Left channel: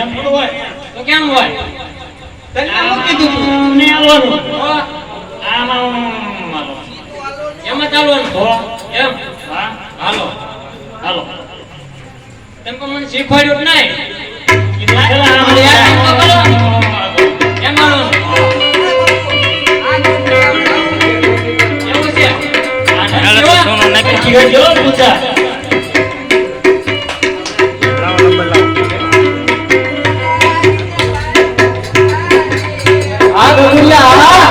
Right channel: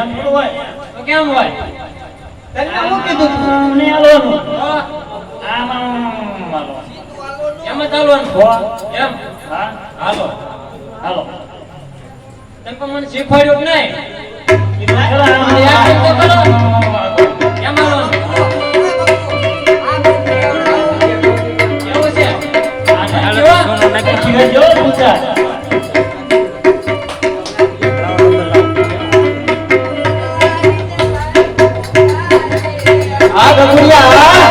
એમ થોડું હોય તો કેમ હોય? તને આમ કીધું તું ને આલવાનું આમ એમ જ ચાલવાનું હો એમ. હા હાલો હાલો તમે પણ મને શીખવાડ્યું જ નહીં. કીધું ચલા આમ યાર એમ તો કરો. એમ હાલવાનું. એવું છે. હાલો તો સોનો નાખી ગયો પૂછા આ ગંગિયા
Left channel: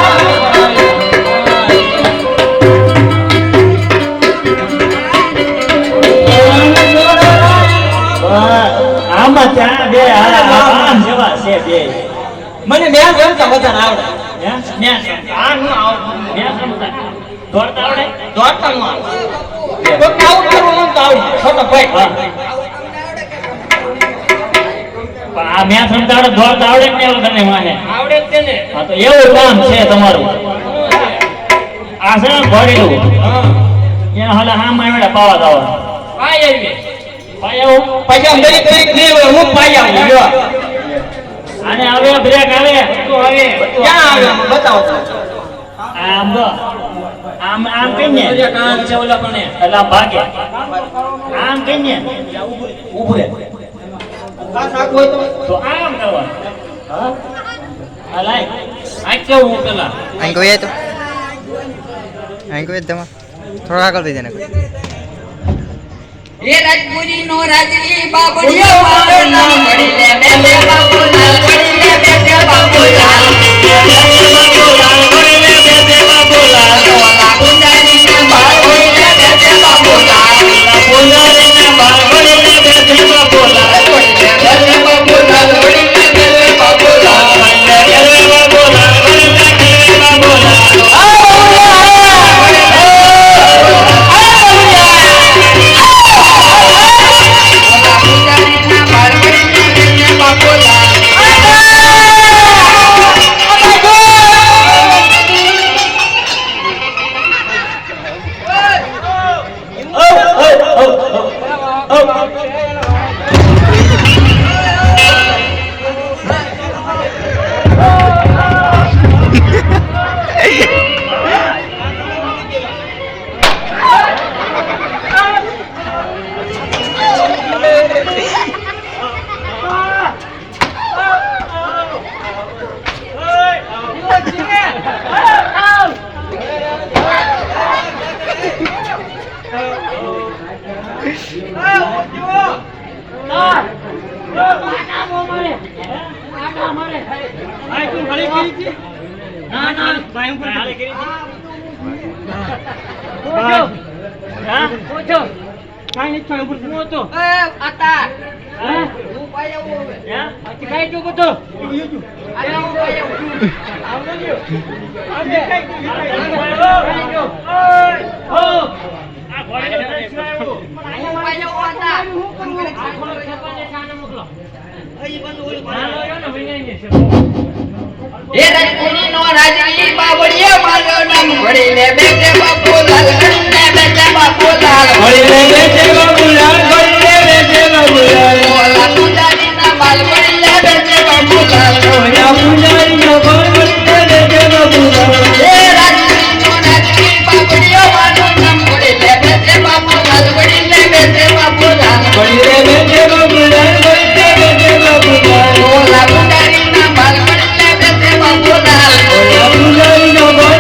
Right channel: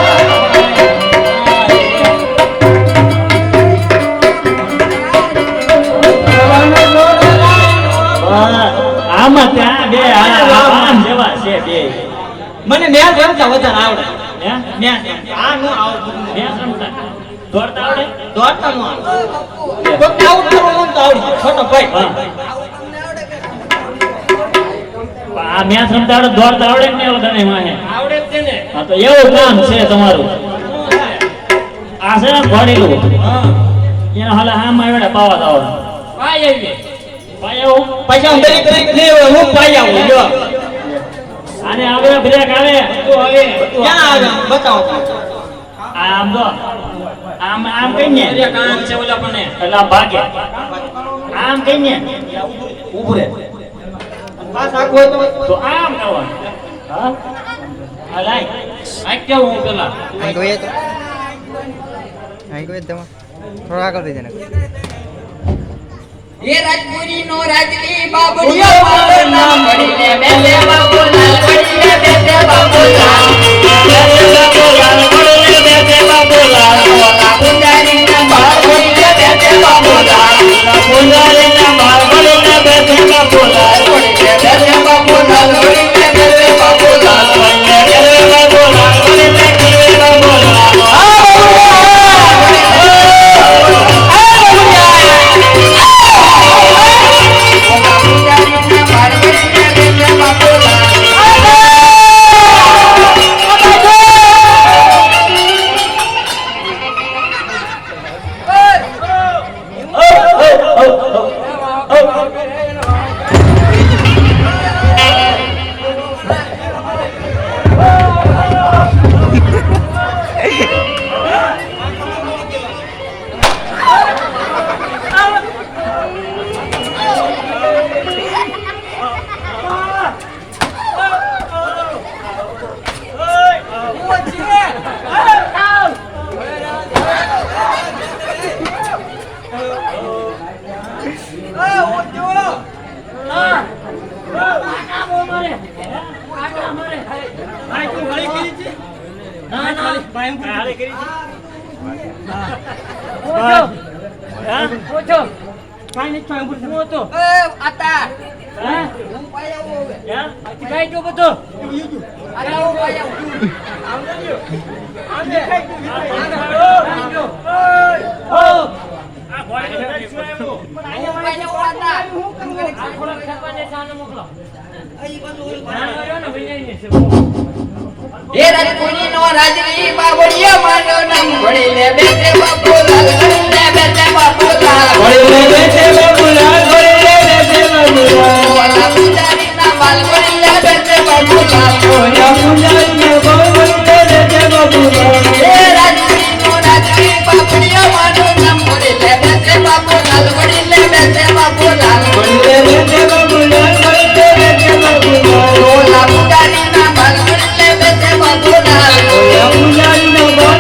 આમાં ત્યાં બે આમ જેવા છે બે મને મેચ રમતા વધારે આવડે. હે મેચ આ નો આવડે. બે રમતા દોડતા આવડે દોડતા નો આવડે. કોઈને આઉટ કરવું તો આવડે. છોટો ભાઈ હા આ મેચ રમતા આવડે દોડતા આવડે ને એવું તને માને આવડે જ છે ને. હા તો એવું કામ છે તમારું આ છે ને ઘોડેલું એના હાલા હામ આવ્યા પાવા દાવ ભાઈ આવીએ. પાય આવું પૈસા દરેક દરેક ને હું પાઈ આવું જો આને આવે બ્રેક આવે તો હવે ક્યાં આવે બતાવો તો. આમ તો આમ આમ કઈને દરિયા કામ છે ઓલા પણ એટલે આમ ભાગે આમ કઈને ઊભું રહે પાસ આખું હોય તો આમ કરવાનું હા આ લાઈ આ કેવું હું પેલા અહીં ગયો તો અહીં ગયો તમે થોડા આગળ થઈ જાય એ રાજપુરી નો રાજલી બાબડિયો મારો નામ વડીલે બેઠે બાપુલાલ વડીલે બેઠે બાપુલાલ ઓલા ગુંડારી ના બાળ વડીલે બેઠે બાપુલાલ વડીલે બેઠે બાપુલાલ વડીલે બેઠે બાપુલાલ ઓલા ગુંડારી ના બાળ વડીલે બેઠે બાપુલાલ ના ના ભાઈ હું હાલે કરી ઓછો કાઈ નહીં થાય ઉપર હું હતો આતા હા હું પાઈ આવું હવે ખાઈ જો બધો આતા હું પાઈ આવું ખાઈ જો હો આ ઘોડે હું પાઈ આવું આતા મોકલો એ રાજપુરી નો રાજલી બાબડિયો મારો નામ વડીલે બેઠે બાપુલાલ વડીલે બેઠે બાપુલાલ વડીલે બેઠે બાપુલાલ વડીલે બેઠે બાપુલાલ ઓલા ગુંડારી ના બાળ વડીલે બેઠે બાપુલાલ ઓલા પુજારી નો બાળ વડીલે બેઠે બાપુલાલ એ રાજપુરી નો રાજલી બાબડિયો મારો નામ વડીલે બેઠે બાપુલાલ વડીલે બેઠે બાપુલાલ વડીલે બેઠે બાપુલાલ વડીલે બેઠે બાપુલાલ ઓલા ગુંડારી ના બાળ વડીલે બેઠે બાપુલાલ ઓલા પુજારી નો બાળ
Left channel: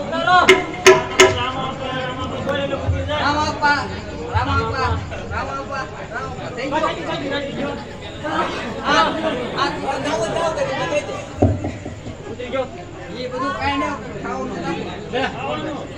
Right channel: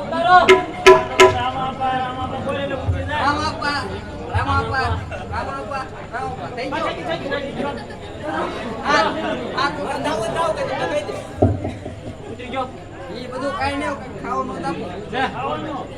ઉતારો Go.